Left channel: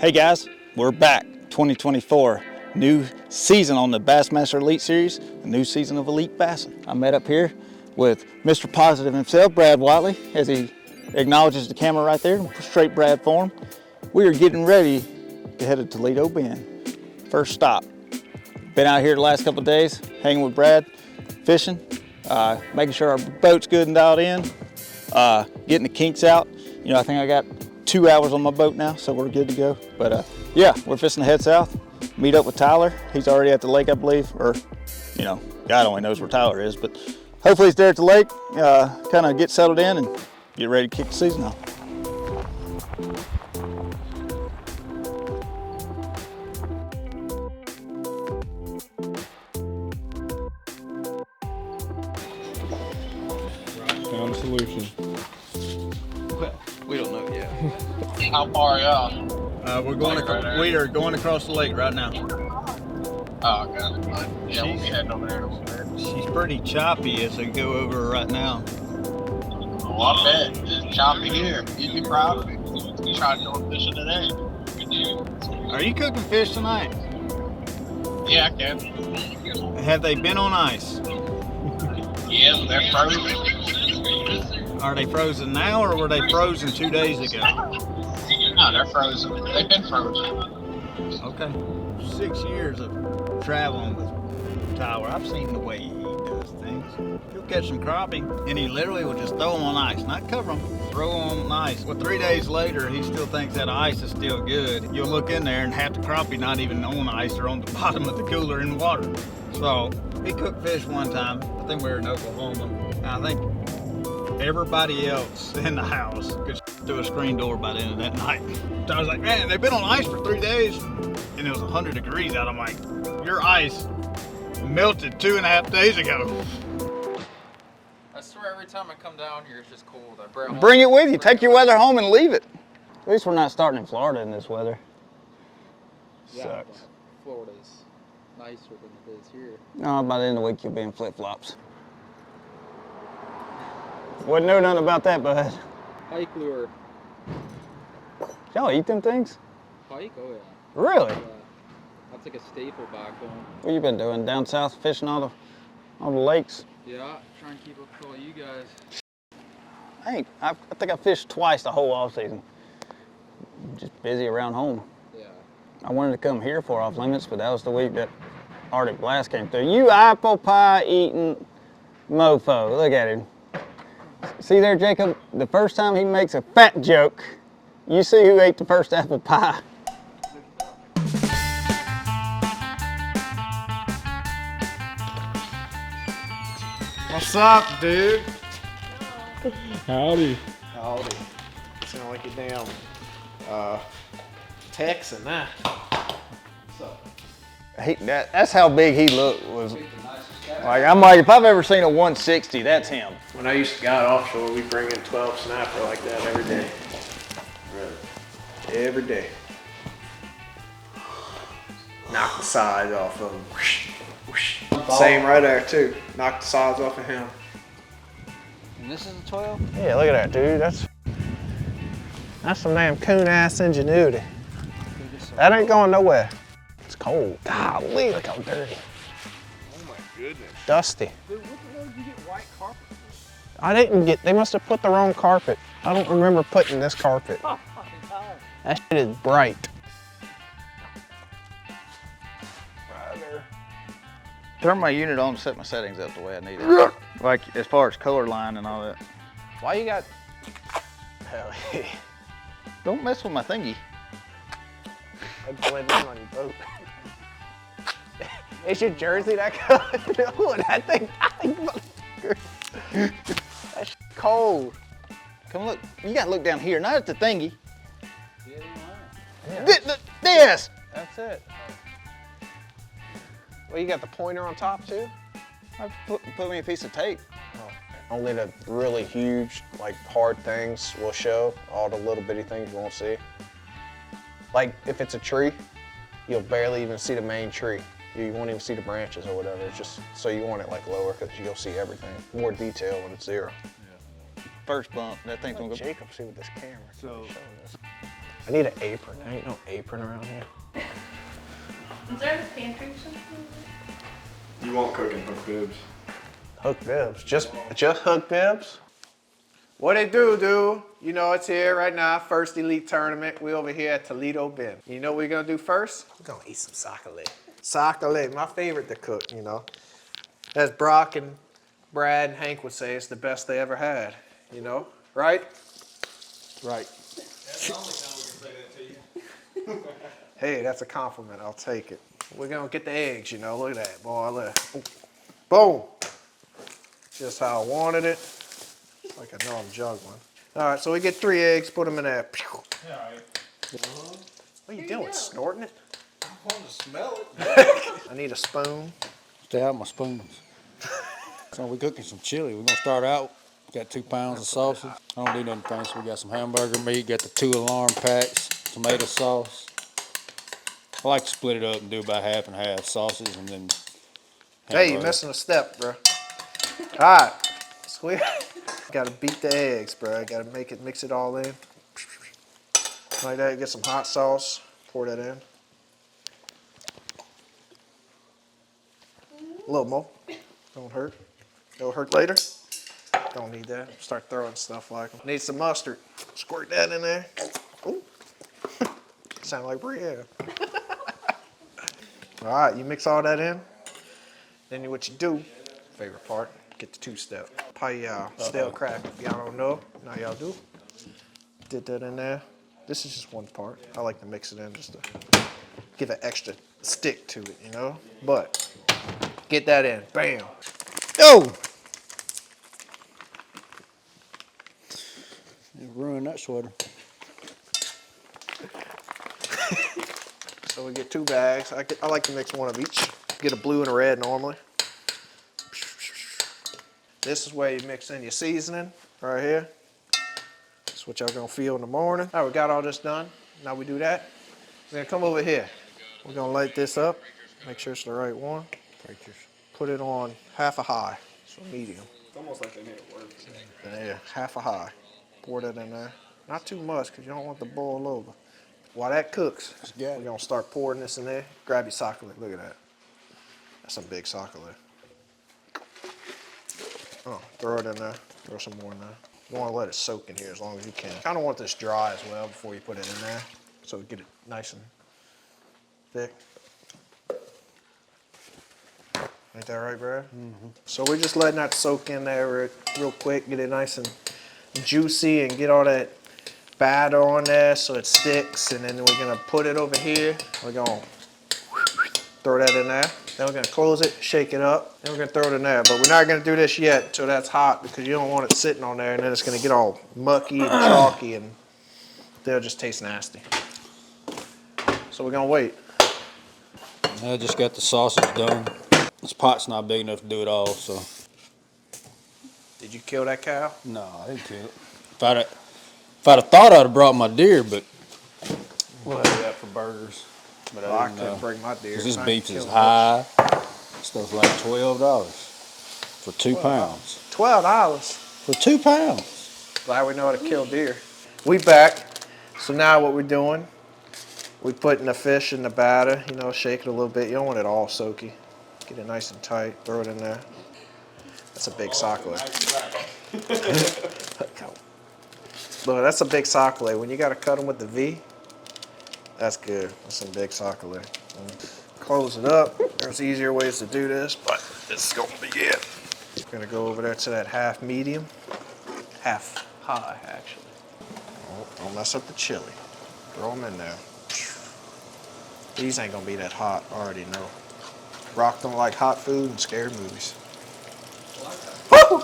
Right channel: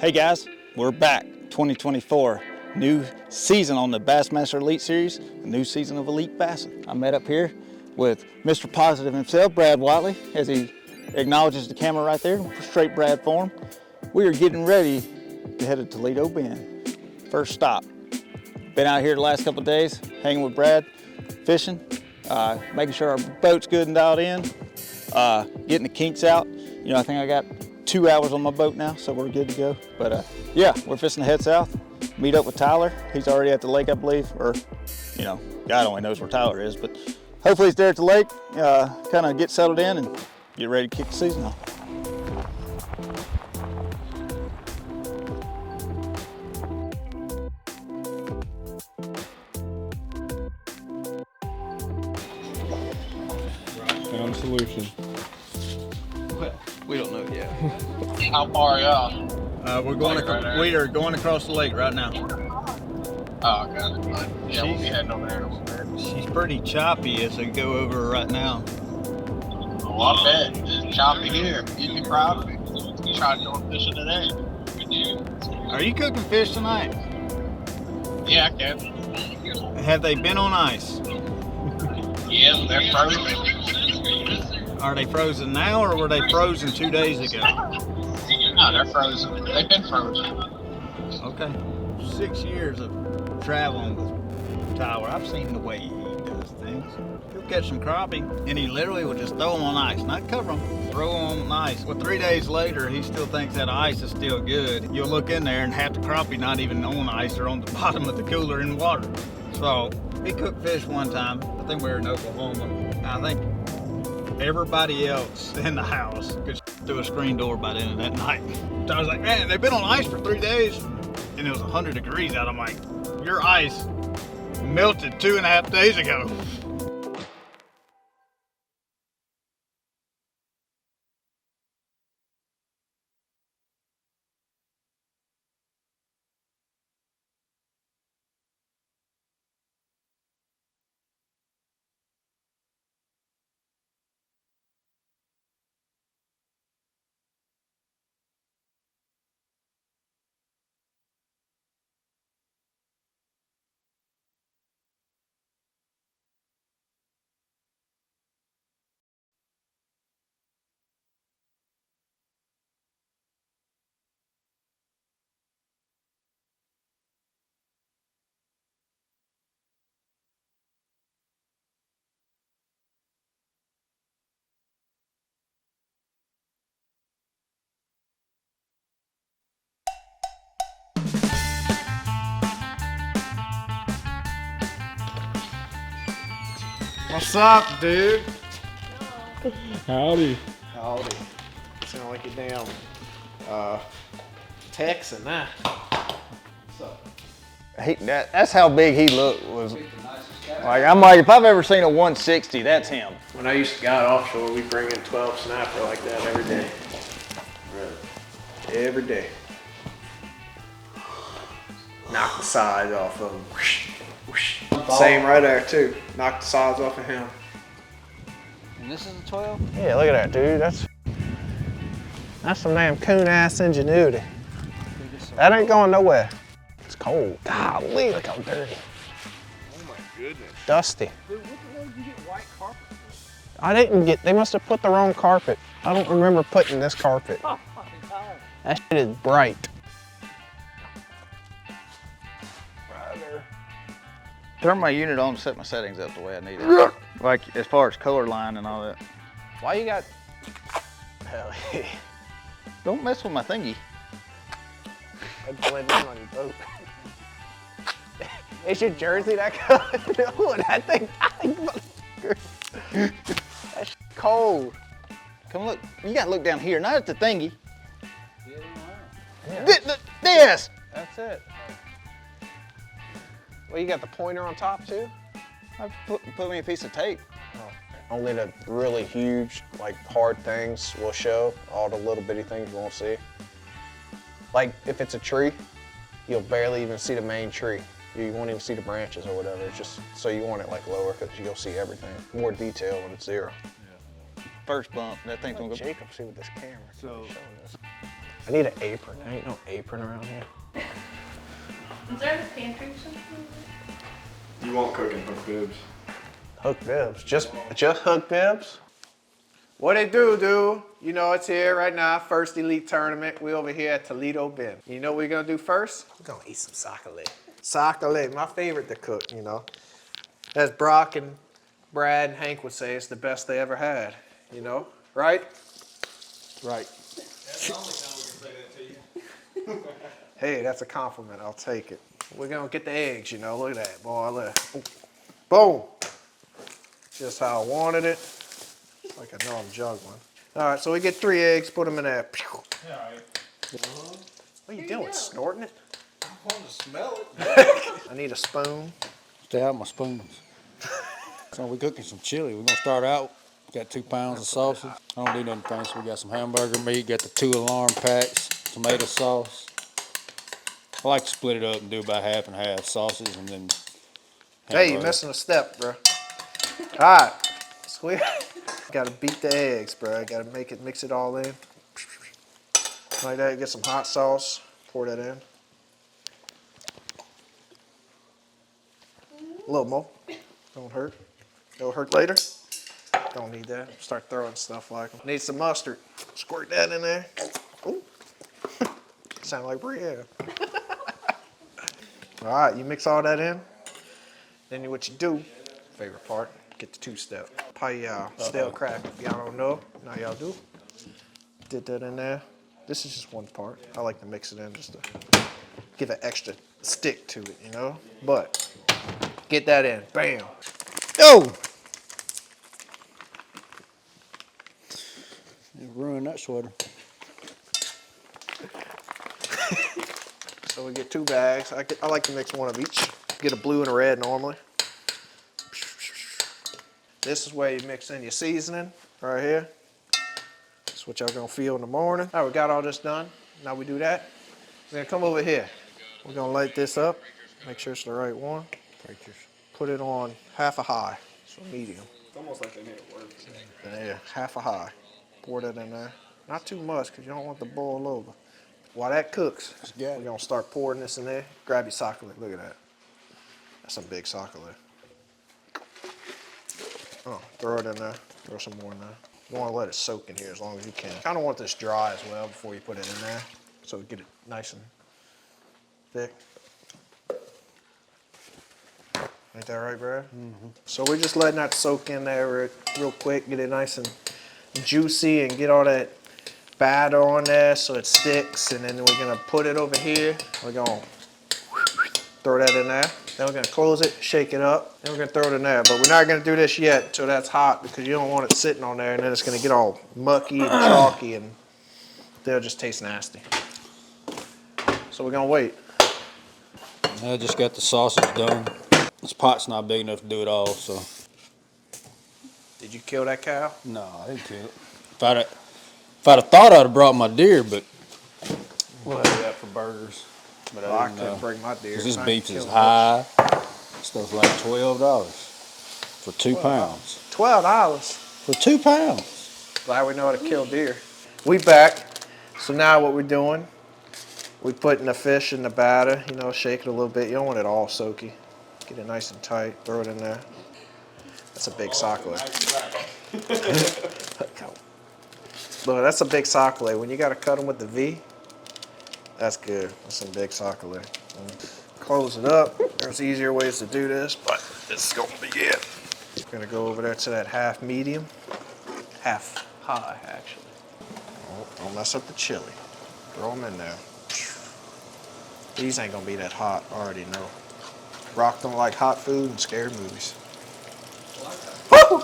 Hey guys, we're back. 2024, new season on the Bassmaster Elite Series, a new season of elite bassing. I met up here with Mr. Positive himself, Brad Watley, as he acknowledges the camera right there, straight Brad form. We are getting ready to head to Toledo Bend. First stop. Been out here the last couple of days, hanging with Brad, fishing, making sure our boat's good and dialed in, getting the kinks out. You know, I think I got 2 hours on my boat now, so we're good to go. But yeah, we're fishing to head south, meet up with Tyler. He's already at the lake, I believe, or, you know, God only knows where Tyler is, but hopefully he's there at the lake, kind of get settled in and get ready to kick the season off. Found a solution. Well, we don't know yet. How far are y'all? We are going across the lake right now. Oh, got it. Yeah, we'll be heading over there in a little bit. She's pretty choppy as we go over right now. Oh, I bet. It's choppy here. You'd be proud of it. You tried going fishing today. Are you cooking fish tonight? Yeah, I can. Have they been on ice? Yeah, they're frozen. Are they frozen now or were they frozen 2 days ago? No, they're frozen. They've been frozen. Okay. 6 years of traveling with Tyler, I've seen the way he does things. He'll catch some crappie and he literally will just throw them on ice, not cover them, throw them on ice. Well, 3 days later, he still thinks that ice is still good. You'll look in there and half the crappie not even on ice or on the bottom of the cooler in water. So he cooked fish one time. I think we were in Oklahoma. And I think everybody else in the house could through a screen door by the end of that night. So I was like, man, they've been on ice for 3 days and it was 100 degrees out. I'm like, your ice melted 2.5 days ago. I swear every time I come down here it's just cold. Bring it with you. Take your weather home and leave it. At least we're not starting in Florida in this weather. Yeah, Sucks. Florida's nicer than it is here. No, by the end of the week you'll be in flip-flops. Wouldn't know nothing about that, bud. Pike lure. Y'all eat them things? Pike? Oh yeah. Really? That's like a staple back home. What you been doing? Down south fishing all the lakes? Yeah, trying to keep up with all you guys. I think I fished twice the whole off season. Just busy around home. Yeah. I wanted to come here for off limits, but that was the week that Arctic Blast came through. You apple pie eating mofo. Look at him. See there, Jacob? The first time he makes a fat joke, you see who ate the first apple pie. What's up, dude? Howdy. Howdy. Sound like a damn Texan, huh? What's up? That's how big he looked. I'm like, if I've ever seen a 160, that's him. When I used to guide offshore, we bring in 12 snapper like that every day. Really? Every day. Knock the sides off of them. Whoosh, whoosh. Same right there too. Knock the sides off of him. And this is a 12? Yeah, look at that, dude. That's some damn coon-ass ingenuity. That ain't going nowhere. It's cold. Golly, look how dirty. Oh my goodness. Dusty. Dude, what the hell did you get white carpet? They must have put the wrong carpet. I don't remember putting this carpet. Oh, fucking time. That shit is bright. Turn my unit on to set my settings up the way I need it. Like as far as color line and all that. Why you got... Hell yeah. Don't mess with my thingy. I'd blend in on your boat. Is your jersey that color? No, that thing. That's cold. Come look. You gotta look down here, not at the thingy. Yeah. This. That's it. Well, you got the pointer on top too? Put me a piece of tape. Only the really huge, like hard things will show. All the little bitty things you won't see. Like if it's a tree, you'll barely even see the main tree. You won't even see the branches or whatever. It's just, so you want it like lower because you'll see everything. More detail when it's zero. First bump, that thing's gonna go. Jacob, see with this camera. So, I need an apron. There ain't no apron around here. Is there a pantry or something? You won't cook in hook bibs. Hook bibs. Just hook bibs? What it do? You know it's here right now. First Elite Tournament. We over here at Toledo Bend. You know what we're gonna do first? We're gonna eat some sacale. Sacale, my favorite to cook, you know. As Brock and Brad and Hank would say, it's the best they ever had, you know? Right? Right. That's the only time we can say that to you. Hey, that's a compliment. I'll take it. We're gonna get the eggs, you know. Look at that, boy. Look. Boom. Just how I wanted it. Like I know I'm juggling. All right, so we get 3 eggs. Put them in there. Yeah, all right. What are you doing? Snorting it? I want to smell it. I need a spoon. Stay out my spoons. So we're cooking some chili. We're gonna start out. Got 2 pounds of sausage. I don't do nothing fancy. We got some hamburger meat. Got the 2 alarm packs. Tomato sauce. I like to split it up and do about half and half sausage and then. Hey, you're hamburger. missing a step, bro. All right, squeeze. Gotta beat the eggs, bro. Gotta mix it all in. Like that. Get some hot sauce. Pour that in. A little more. Don't hurt. It'll hurt later. Don't need that. Start throwing stuff like them. Need some mustard. Squirt that in there. Ooh. Sound like Brienne. All right, you mix all that in. Then what you do, favorite part, get the 2-step. Pie stale crack. If y'all don't know, now y'all do. Did that in there. This is just one part. I like to mix it in just to give an extra stick to it, you know? But get that in. Bam. Oh! You ruined that sweater. So we get 2 bags. I like to mix one of each. Get a blue and a red normally. This is where you mix in your seasoning, right here. That's what y'all gonna feel in the morning. All right, we got all this done. Now we do that. We're gonna come over here. We're gonna light this up. Make sure it's the right one. Put it on half a high, so medium. It's almost like they made it work. There, half a high. Pour that in there. Not too much, because you don't want to boil over. While that cooks, we're gonna start pouring this in there. Grab your sacale. Look at that. That's some big sacale. Oh, throw it in there. Throw some more in there. You want to let it soak in here as long as you can. Kind of want this dry as well before you put it in there, so get it nice and thick. Ain't that right, Brad? Mm-hmm. So we're just letting that soak in there real quick, get it nice and juicy, and get all that batter on there so it sticks. And then we're gonna put it over here. We're gonna throw that in there. Then we're gonna close it, shake it up, then we're gonna throw it in there. But we're not gonna do this yet until that's hot, because you don't want it sitting on there and then it's gonna get all mucky and chalky and they'll just taste nasty. So we're gonna wait. I just got the sausage done. This pot's not big enough to do it all, so. Did you kill that cow? No, I didn't kill it. If I'd have thought I'd have brought my deer, but we'll have that for burgers. But Well, I didn't, couldn't bring my deer. Cause this I beef ain't is killing high. Stuff's like $12 for 2 pounds. $12. For 2 pounds. Glad we know how to kill deer. We back. So now what we're doing, we putting the fish in the batter, you know, shake it a little bit. You don't want it all soaky. Get it nice and tight, throw it in there. That's a big sacale. Look, that's a big sacale. When you gotta cut them with the V, that's good. That's some big sacale. Close it up. There's easier ways to do this, but this is gonna be it. Gonna go over there to that half medium, half high actually. Oh, don't mess up the chili. Throw them in there. These ain't gonna be that hot, I already know. Rock don't like hot food and scary movies. Woo!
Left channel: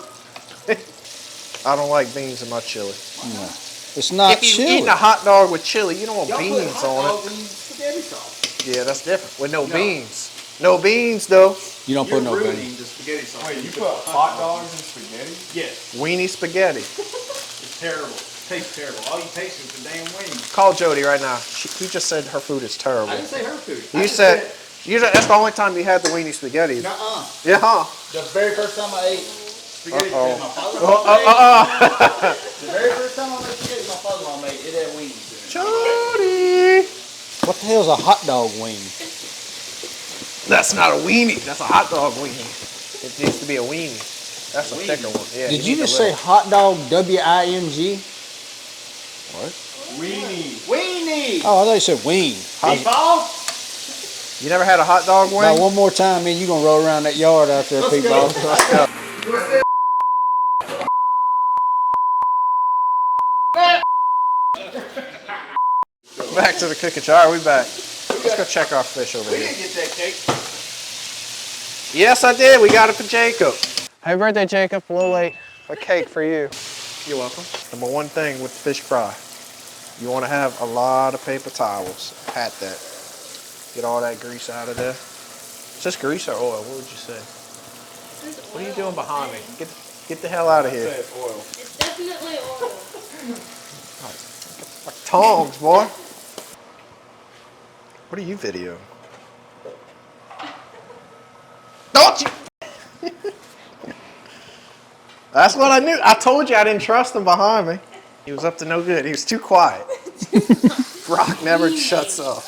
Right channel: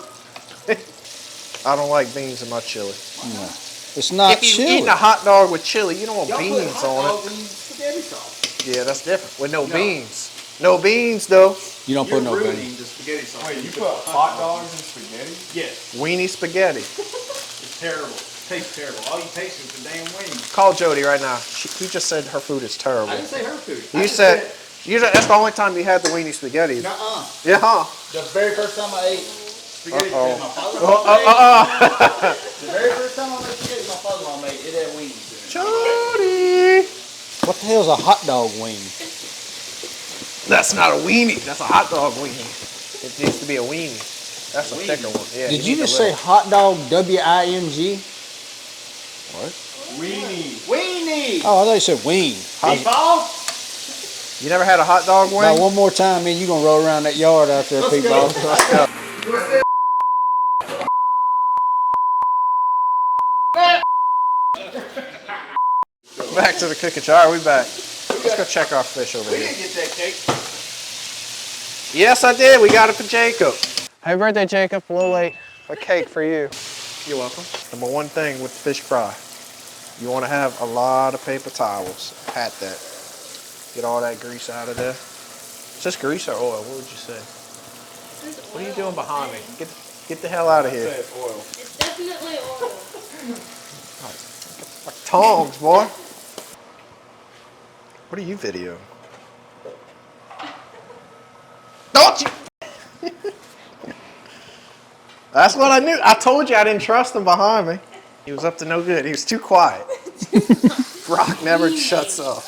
I don't like beans in my chili. No. It's not If you're chili. eating a hot dog with chili, you don't want beans on it. Spaghetti sauce. Yeah, that's different. With no beans. No beans though. You don't put no beans. The spaghetti sauce. Wait, you put hot dogs in spaghetti? Yes. Weenie spaghetti. It's terrible. Tastes terrible. All you taste is the damn wings. Call Jody right now. He just said her food is terrible. I didn't say her food. You said that's the only time you had the weenie spaghetti. Nuh-uh. Yeah, huh? The very first time I ate spaghetti, Uh-oh. my father-in-law made. The very first time I made spaghetti, my father-in-law made it had wings in it. Jody. What the hell's a hot dog wing? That's not a weenie. That's a hot dog weenie. It used to be a weenie. That's a thicker one. Yeah. Did you just say hot dog W-I-N-G? What? Weenie! Oh, I thought you said wing. You never had a hot dog wing? Now one more time, man, you gonna roll around that yard out there, Pete Boss. Back to the cooking show. All right, we back. Let's go check our fish over here. Get that cake. Yes, I did. We got it for Jacob. Happy birthday, Jacob. A little late. A cake for you. You're welcome. Number one thing with fish fry, you want to have a lot of paper towels. Pat that. Get all that grease out of there. Is this grease or oil? What would you say? What are you doing behind me? Get the hell out of here. It's definitely oil. Like tongs, boy. What are you videoing? Don't you? That's what I knew. I told you I didn't trust him behind me. He was up to no good. He was too quiet. Brock never shuts up.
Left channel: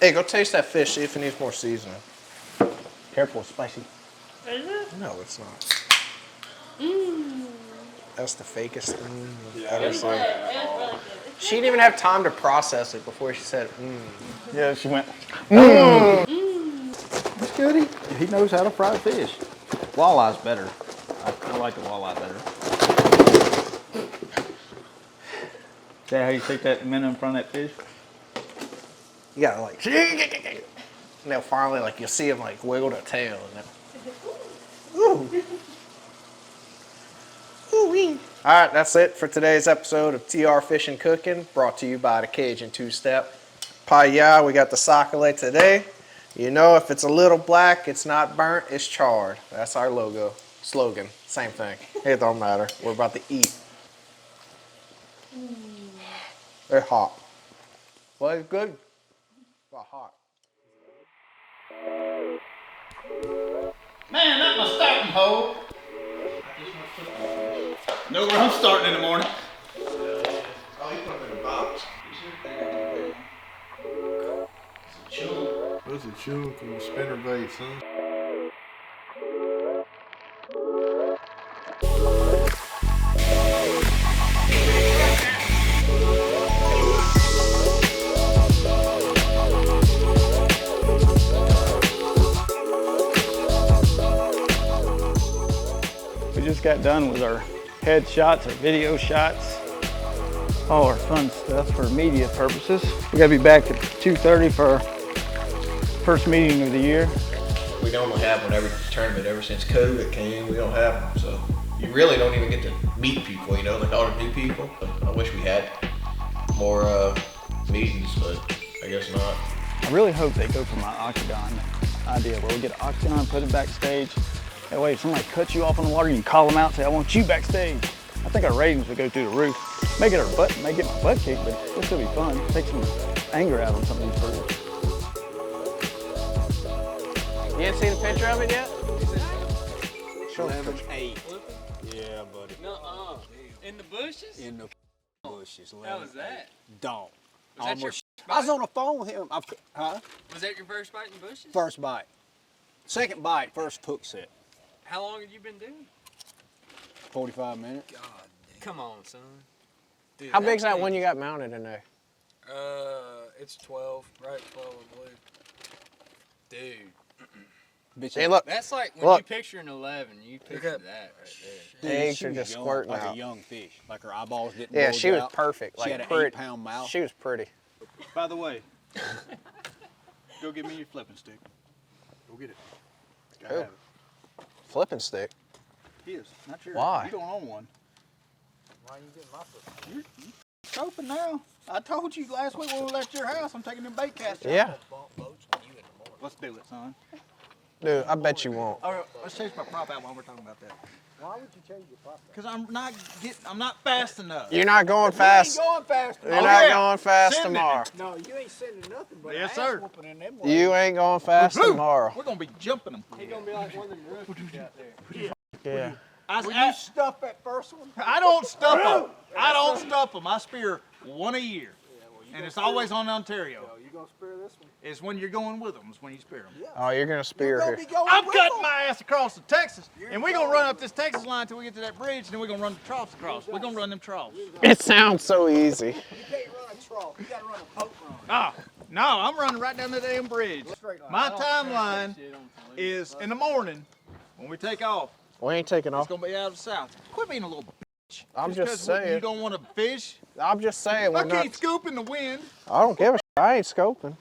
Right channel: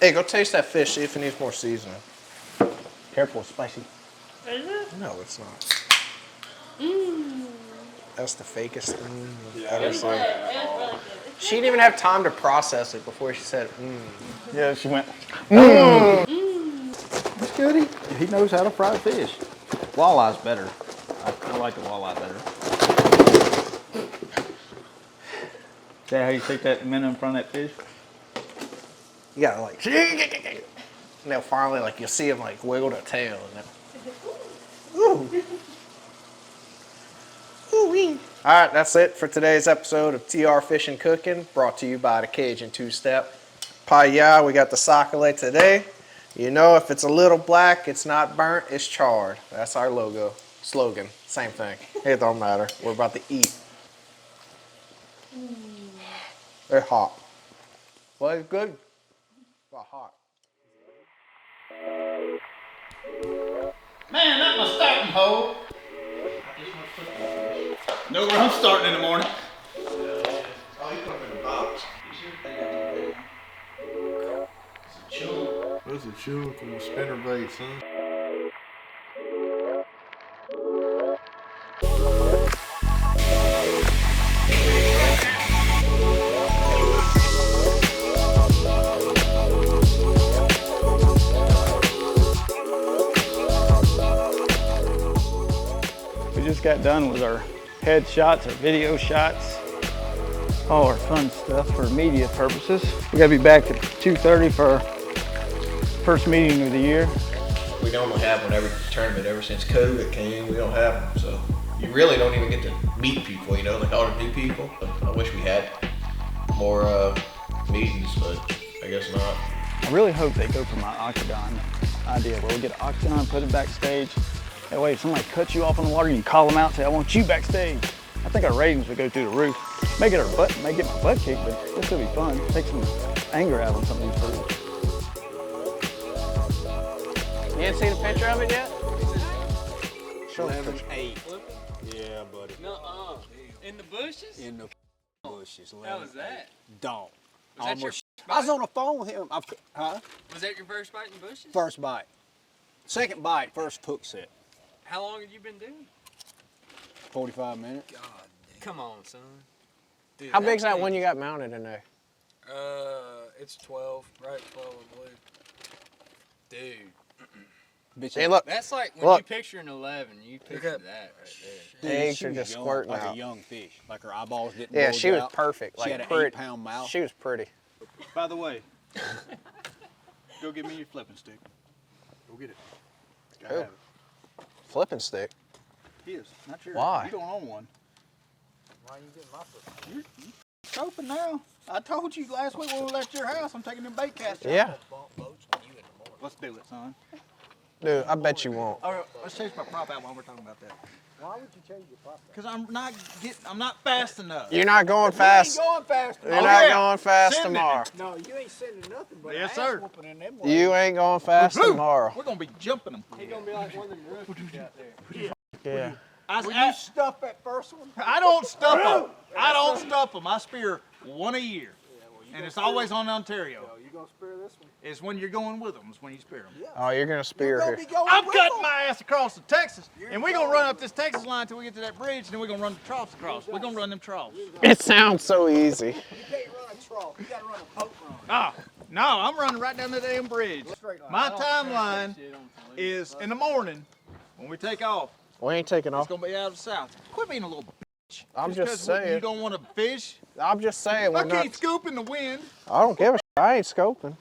Hey, go taste that fish, see if it needs more seasoning. Careful, spicy. Is it? No, it's not. Mmm. That's the fakest thing I've It ever was seen. good. It was really good. She didn't even have time to process it before she said, Yeah, she went, Mmm. Goody. He knows how to fry fish. Walleye's better. I like the walleye better. See how you stick that minnow in front of that fish? You gotta like, and they'll finally like, you'll see them like wiggle their tail. And ooh. Ooh-wee. All right, that's it for today's episode of TR Fishing Cooking, brought to you by the Cajun Two-Step. Paya, we got the sac-a-lait today. You know, if it's a little black, it's not burnt, it's charred. That's our logo, slogan, same thing. It don't matter. We're about to eat. They're hot. Well, it's good. But hot. Man, that's my starting hole. Know where I'm starting in the morning. Oh, you put them in a box. What's it chewing from the spinner bait, son? We just got done with our headshots, our video shots, all our fun stuff for media purposes. We gotta be back at 2:30 for our first meeting of the year. We normally have one every tournament ever since COVID came. We don't have them, so you really don't even get to meet people, you know, like all the new people. I wish we had more meetings, but I guess not. I really hope they go for my octagon idea where we get an octagon, put it backstage. That way if somebody cuts you off on the water, you can call them out and say, I want you backstage. I think our ratings would go through the roof. May get my butt kicked, but it'll still be fun. Take some anger out on some of these birds. You ain't seen a picture of it yet? Show 11-8. Yeah, buddy. Nuh-uh. In the bushes? In the bushes. How was that? Dog. Was that your I was on the phone with him. Huh? Was that your first bite in the bushes? First bite. Second bite, first hook set. How long have you been doing? 45 minutes. God damn. Come on, son. Dude, How big's that one you got mounted in there? It's 12, right? 12, I believe. Dude. Bitch, Hey, look. That's like when Look. you picture an 11, you picture that right there. The eggs she are was just young, squirting like out. a young fish. Like her eyeballs didn't Yeah, bulge she was out. perfect. She Like had an pretty. 8-pound mouth. She was pretty. By the way, go get me your flipping stick. Go get it. Who? Flipping stick. His, not yours. Why? You don't own one. Why are you getting my flipping stick? You're scoping now. I told you last week when we left your house, I'm taking them bait casts out. Yeah. Let's do it, son. Dude, I bet you won't. All right, let's change my prop out while we're talking about that. Why would you change your prop? Because I'm not fast enough. You're not going fast. You ain't going fast. You're not going fast Send it. tomorrow. No, you ain't sending nothing but Yes, ass sir. whooping in them You ain't going fast tomorrow. We're gonna be jumping them. He gonna be like one of them rookies out there. Yeah. Will you stuff that first one? I don't stuff them. I don't stuff them. I spear one a year. Yeah, well, And it's always on Ontario. You gonna spear this one? It's when you're going with them. It's when you spear them. Oh, you're gonna spear here. I'm cutting my ass across to Texas, and we're gonna run up this Texas line until we get to that bridge, and then we're gonna run the troughs across. We're gonna run them troughs. It sounds so easy. You can't run a trough. You gotta run a boat run. Ah, no, I'm running right down the damn bridge. My timeline is in the morning when we take off. We ain't taking It's off. gonna be out of the south. Quit being a little bitch. I'm just 'cause saying. You don't want to fish. I'm just saying. I We're can't not. scoop in the wind. I don't give a shit. I ain't scoping.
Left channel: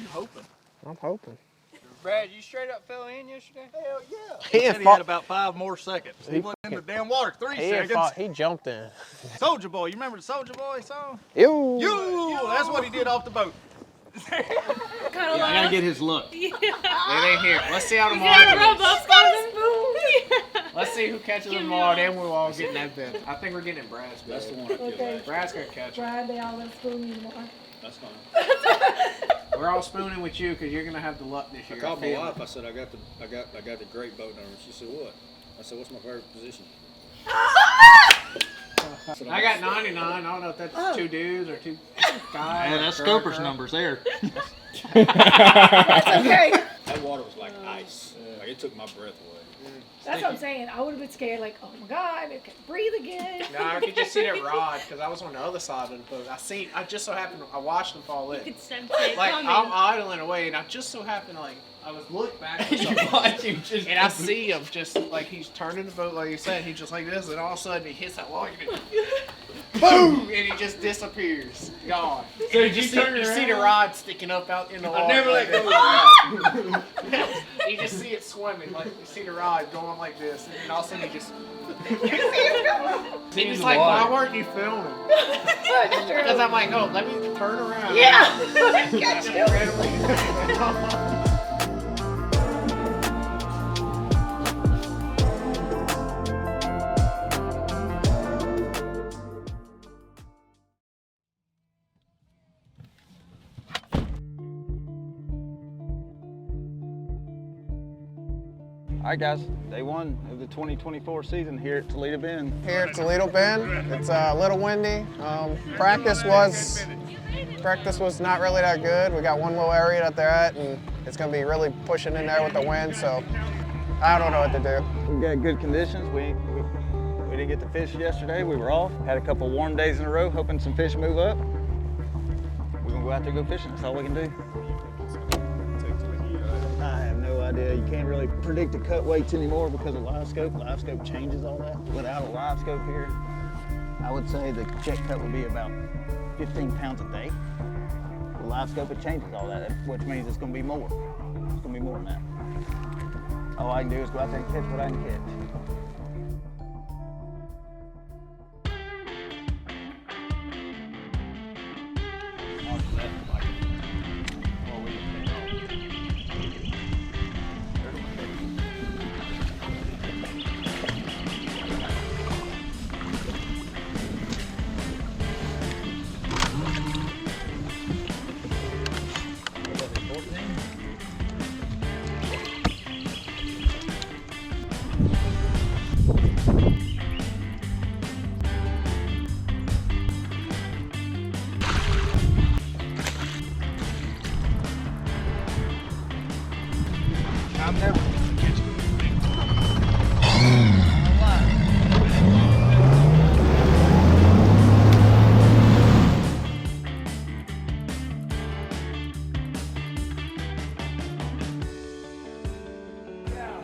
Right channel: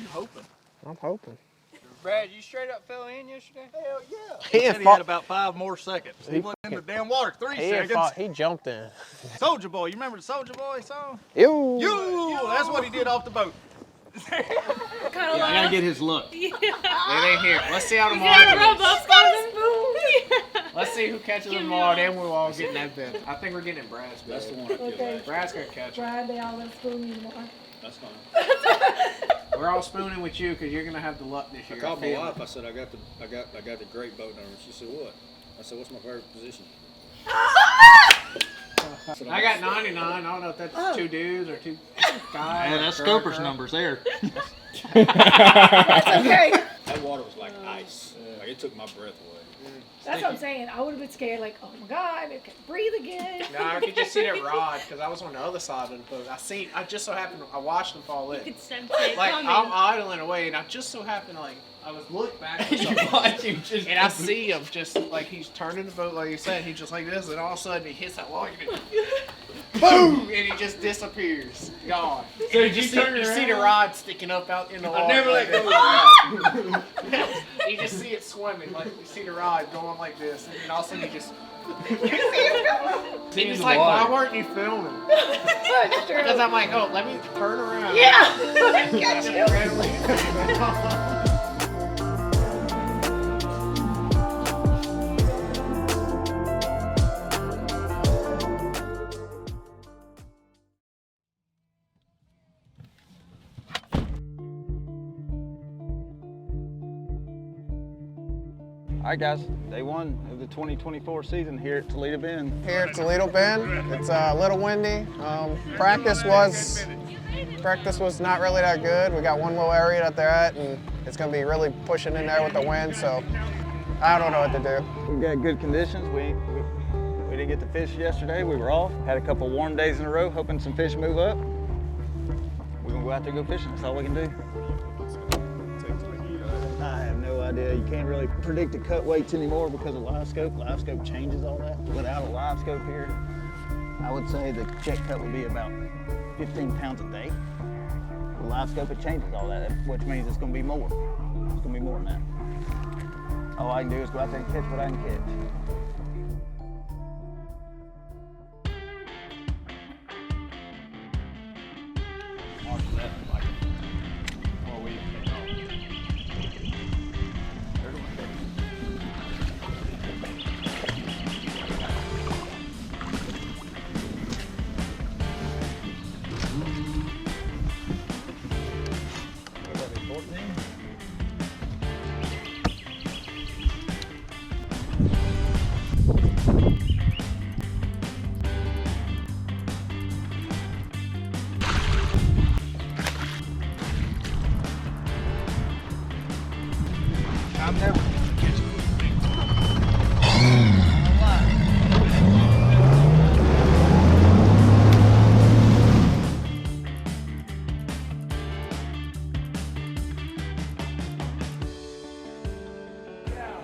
You hoping? I'm hoping. Brad, you straight up fell in yesterday? Hell yeah. He He ain't had fought. about 5 more seconds. He went in the damn water 3 He ain't seconds. fought. He jumped in. Soldier Boy, you remember the Soldier Boy song? Ew. You! That's what he did off the boat. Kind of I gotta get his look. It ain't here. Let's see how You tomorrow gotta rub goes. up on the spoon. Let's see who catches them tomorrow, then we'll all get in that bed. I think we're getting in Brad's bed. That's the one I feel Okay. like. Brad's gonna catch them. Friday, I'll let spoon you more. That's fine. We're all spooning with you because you're gonna have the luck this I year. called my Family. wife. I said I got the great boat number. She said what? I said what's my favorite position? said, I got 99. I don't know if that's 2 dudes or 2 guys. Yeah, that's girl, Scoper's girl. numbers there. That's okay. That water was like ice. Like, it took my breath away. That's what I'm saying. I would have been scared, like, oh my God, I can't breathe again. No, I could just see that rod because I was on the other side of the boat. I just so happened, I watched them fall in. You could sense it Like, coming. I'm idling away, and I just so happened, like, I was looking back and I see him just, like, he's turning the boat, like you said, he's just like this, and all of a sudden he hits that log, and boom, and he just disappears. Gone. So you see the rod sticking up out in the water. I never let go of the You just see it swimming, like, you see the rod going like this, and then all of a sudden he just... Then he's like, why weren't you filming? Because I'm like, oh, let me turn around. Yeah. Just randomly- All right, guys. Day 1 of the 2024 season here at Toledo Bend. Here at Toledo Bend, it's a little windy. Practice was not really that good. We got one little area that they're at, and it's gonna be really pushing in there with the wind. So I don't know what to do. We got good conditions. We didn't get to fish yesterday. We were off. Had a couple warm days in a row, hoping some fish move up. We're gonna go out there and go fishing. That's all we can do. I have no idea. You can't really predict the cut weights anymore because of live scope. Live scope changes all that. Without a live scope here, I would say the check cut would be about 15 pounds a day. The live scope, it changes all that, which means it's gonna be more. It's gonna be more than that. All I can do is go out there and catch what I can catch. I'm never gonna catch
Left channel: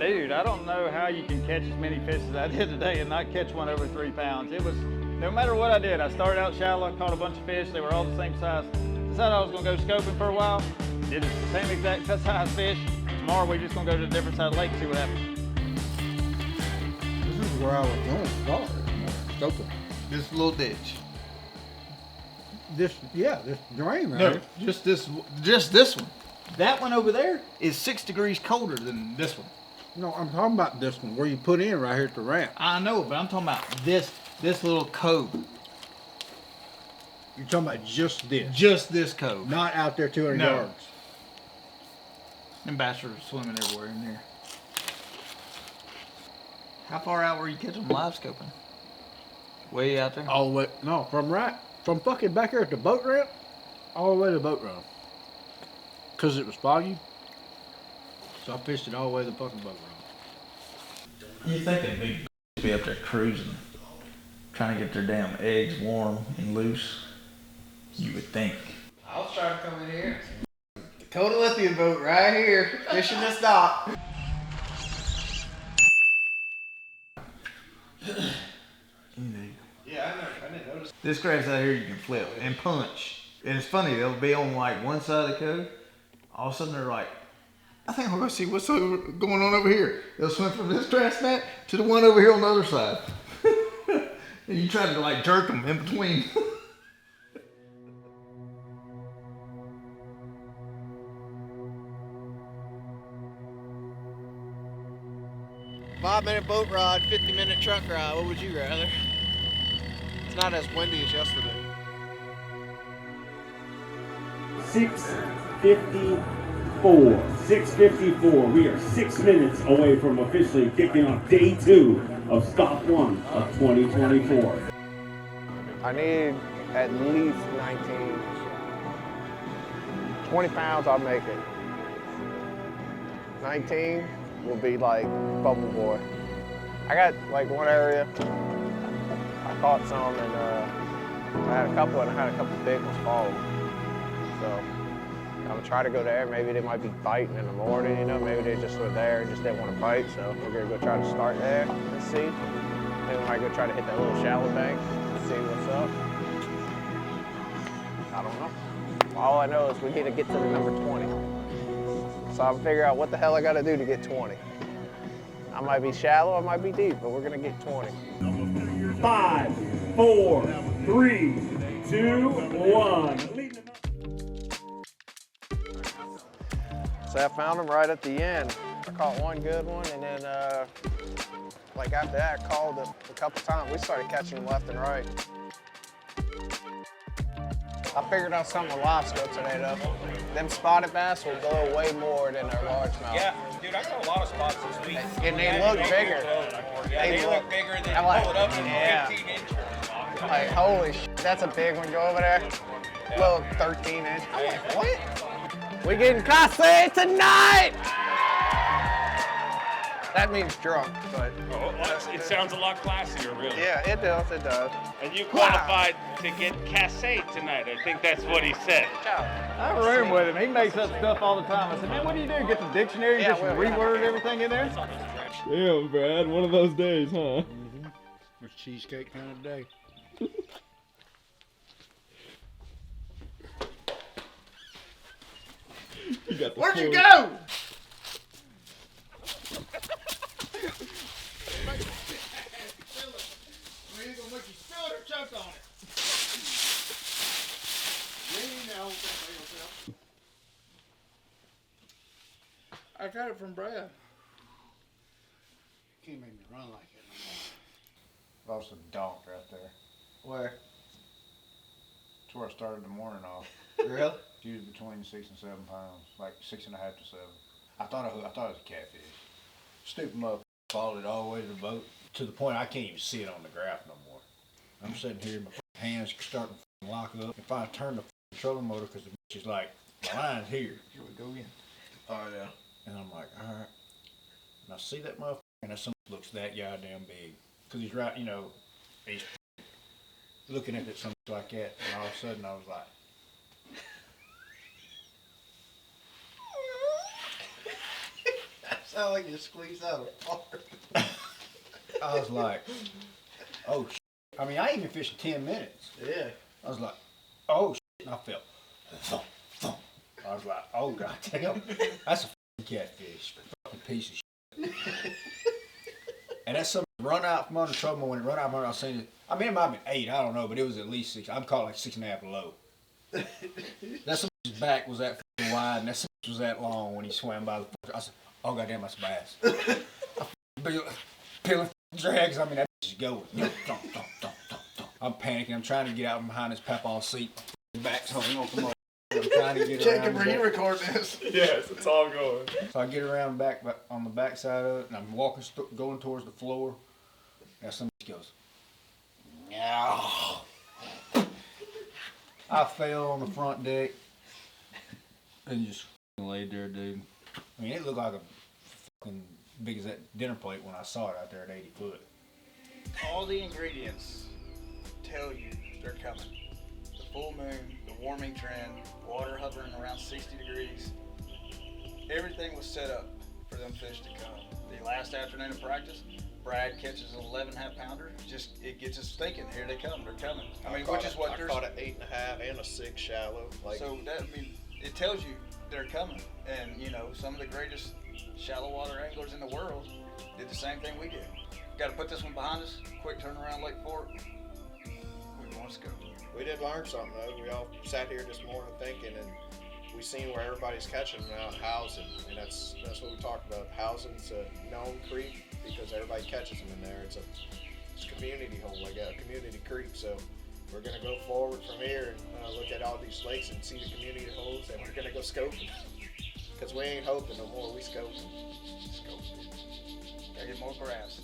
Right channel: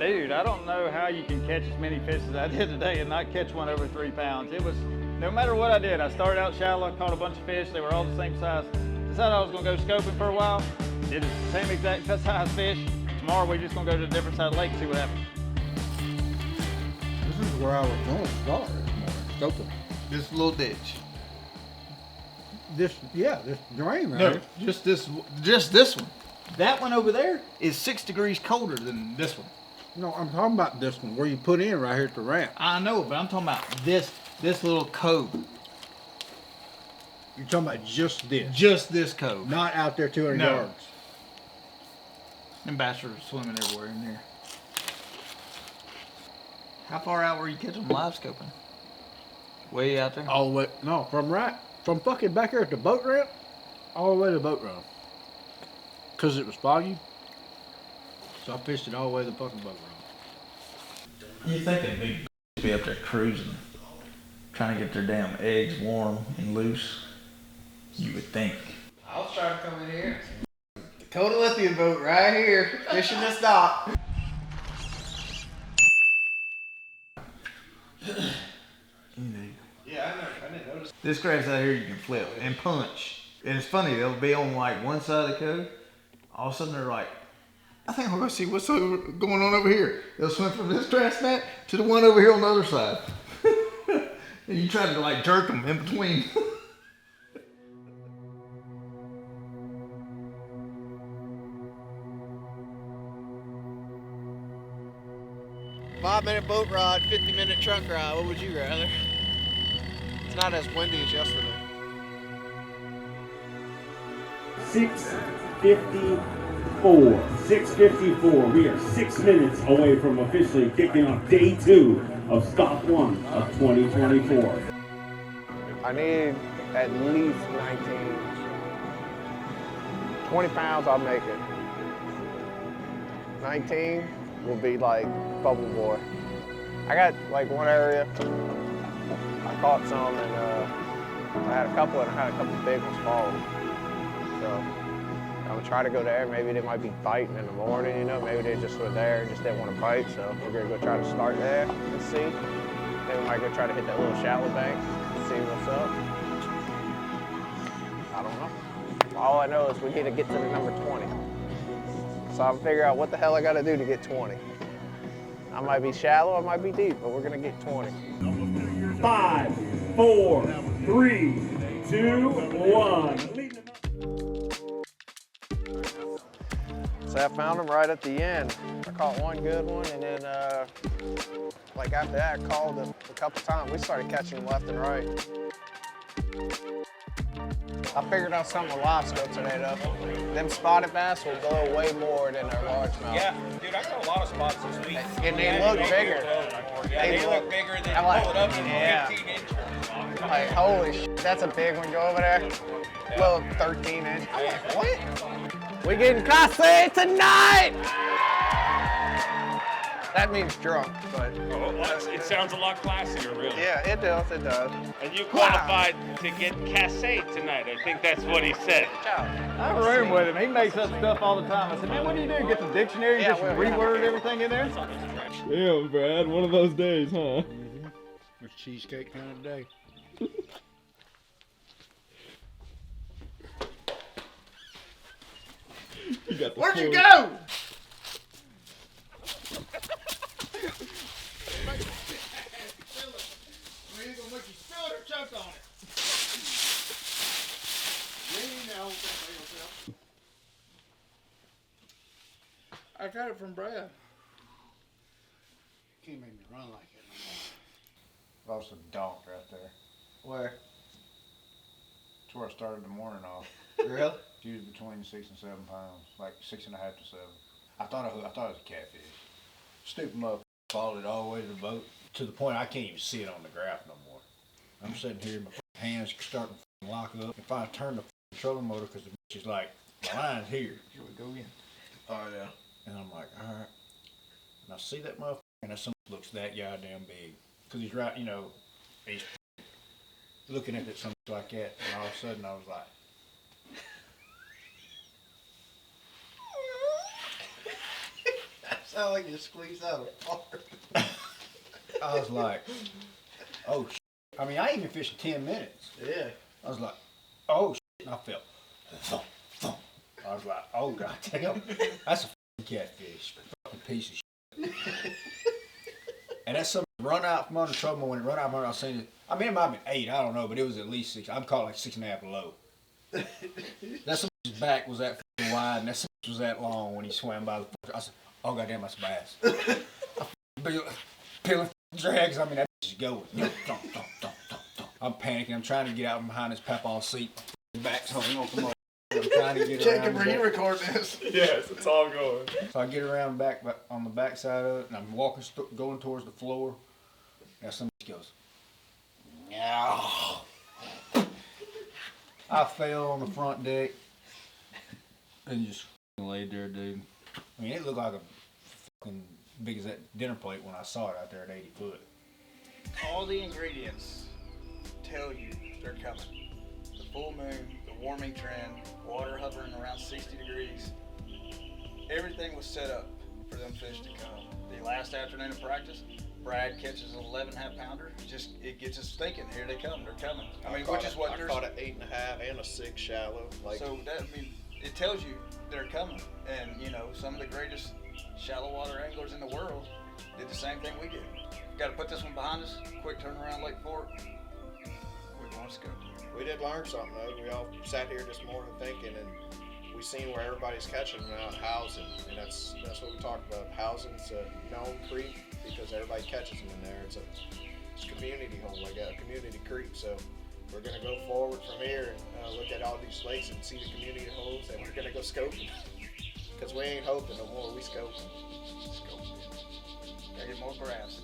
Dude, I don't know how you can catch as many fish as I did today and not catch one over 3 pounds. It was, no matter what I did, I started out shallow, I caught a bunch of fish, they were all the same size. Decided I was gonna go scoping for a while, did the same exact size fish. Tomorrow we're just gonna go to a different side of the lake and see what happens. This is where I was going to start. Scoping. This little ditch. This drain right No, here. just this one. That one over there is 6 degrees colder than this one. No, I'm talking about this one where you put in right here at the ramp. I know, but I'm talking about this little cove. You're talking about just this. Just this cove. Not out there 200 No. yards. And bass are swimming everywhere in there. How far out were you catching them live scoping? Way out there? All the way, no, from right. From fucking back here at the boat ramp, all the way to the boat ramp. Cause it was foggy. So I fished it all the way to the fucking boat ramp. You think they'd be up there cruising, trying to get their damn eggs warm and loose? You would think. I'll try to come in here. Dakota Lithium boat right here, fishing this dock. Yeah, I didn't notice. This grass out here you can flip and punch. And it's funny, they'll be on like one side of the cove. All of a sudden they're like, I think we're gonna see what's going on over here. They'll swim from this grass mat to the one over here on the other side. And you try to like jerk them in between. 5-minute boat ride, 50-minute truck ride. What would you rather? It's not as windy as yesterday. 6:54. We are 6 minutes away from officially kicking off day 2 of stop 1 of 2024. I need at least 19. 20 pounds, I'll make it. 19 will be like Bubble Boy. I got like one area, I caught some and I had a couple big ones fall. So I'm gonna try to go there. Maybe they might be biting in the morning, you know, maybe they just were there and just didn't want to bite. So we're gonna go try to start there and see. Then we might go try to hit that little shallow bank and see what's up. I don't know. All I know is we need to get to the number 20. So I'll figure out what the hell I gotta do to get 20. I might be shallow, I might be deep, but we're gonna get 20. 5, 4, 3, 2, 1. So I found them right at the end. I caught one good one, and then like after that, I called a couple times. We started catching them left and right. I figured out something with lobster today, though. Them spotted bass will blow way more than our largemouth. Yeah, dude, I got a lot of spots this week. And they look bigger. Yeah, they look bigger than I'm like, pull it up in yeah. 15 inches. Like, holy shit, that's a big one. Go over there. Little 13 inch. I'm like, what? We getting classy tonight! That means drunk, but... It sounds a lot classier, really. Yeah, it does, it does. And you qualified to get cassé tonight. I think that's what he said. I have a room with him. He makes up stuff all the time. I said, man, what do you do? Get the dictionary and just reword everything in there? Damn, Brad. One of those days, huh? It's cheesecake kind of day. Where'd you go? I got it from Brad. Can't make me run like it no more. Lost a donk right there. Where? That's where I started the morning off. Really? She was between 6 and 7 pounds, like 6.5 to 7. I thought it was a catfish. Stupid motherfucker followed it all the way to the boat to the point I can't even see it on the graph no more. I'm sitting here, my hands starting to lock up. If I turn the trolling motor, because the bitch is like, my line's here. Here we go again. Oh, yeah. And I'm like, all right. And I see that motherfucker, and that something looks that goddamn big. Because he's right, you know, he's looking at it something like that. And all of a sudden I was like, That sounds like you squeezed out a fart. I was like, oh shit. I mean, I ain't even fished 10 minutes. Yeah. I was like, oh shit. And I felt thump, thump. I was like, oh god damn. That's a fucking catfish. Fucking piece of shit. And that's something run out from under trouble. When it run out from under, I seen it. I mean, it might have been 8. I don't know, but it was at least 6. I'm calling like 6.5 low. That somebody's back was that fucking wide, and that somebody was that long when he swam by the. I said, oh goddamn, that's a bass. Peeling drags. I mean, that bitch is going. I'm panicking. I'm trying to get out from behind this papaw seat. Back's hung off the motor. I'm trying to get around. Jacob, are you recording this? Yes, it's all going. So I get around back on the back side of it, and I'm walking, going towards the floor. And somebody goes, no. I fell on the front deck and just laid there, dude. I mean, it looked like a fucking big as that dinner plate when I saw it out there at 80 foot. All the ingredients tell you they're coming. The full moon, the warming trend, water hovering around 60 degrees. Everything was set up for them fish to come. The last afternoon of practice, Brad catches an 11.5 pounder. It gets us thinking, here they come, they're coming. I mean, which is what I caught an 8.5 and a 6 shallow. Like, so that, I mean, it tells you they're coming. And you know, some of the greatest shallow water anglers in the world did the same thing we did. Got to put this one behind us. Quick turnaround, Lake Fork. We want to go. we did learn something though. We all sat here this morning thinking, and we seen where everybody's catching them now, housing, and that's what we talked about. Housing's a known creek because everybody catches them in there. It's a community hole, like a community creek. So we're gonna go forward from here and look at all these lakes and see the community holes, and we're gonna go scoping because we ain't hoping no more. We scoping. Gotta get more grass.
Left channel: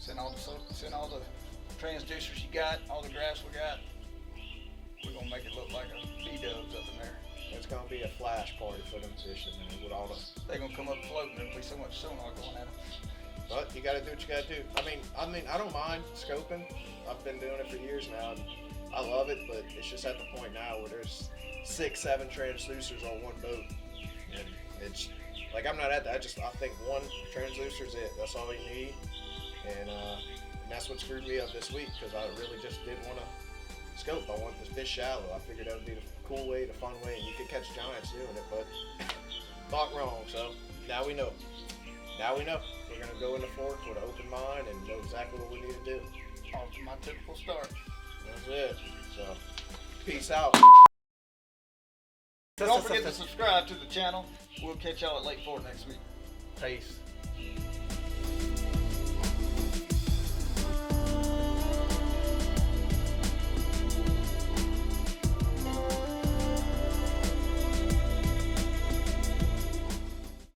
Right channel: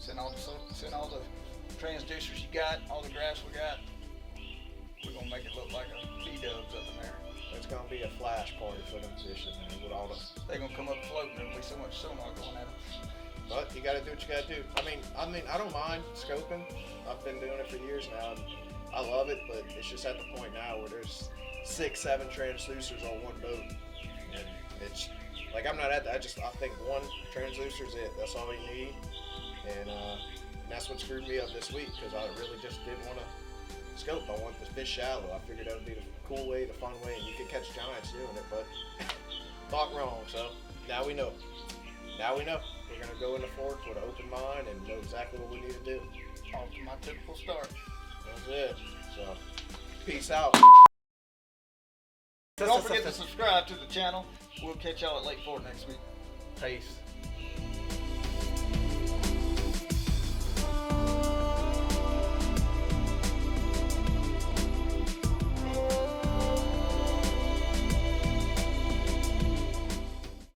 Send all the transducers you got, all the grass we got. We're gonna make it look like a B-dubs up in there. It's gonna be a flash party for them fishing, man, with all the. They're gonna come up floating. There'll be so much sonar going at them. But you gotta do what you gotta do. I mean, I don't mind scoping. I've been doing it for years now, and I love it. But it's just at the point now where there's 6, 7 transducers on one boat, and it's like I'm not at that. I think one transducer is it. That's all you need, and that's what screwed me up this week because I really just didn't want to scope. I want this fish shallow. I figured that would be the cool way, the fun way, and you could catch giants doing it, but thought wrong. So now we know. Now we know. We're gonna go in the fork with an open mind and know exactly what we need to do. Off to my typical start. That's it. So peace out. Don't forget to subscribe to the channel. We'll catch y'all at Lake Fork next week. Peace.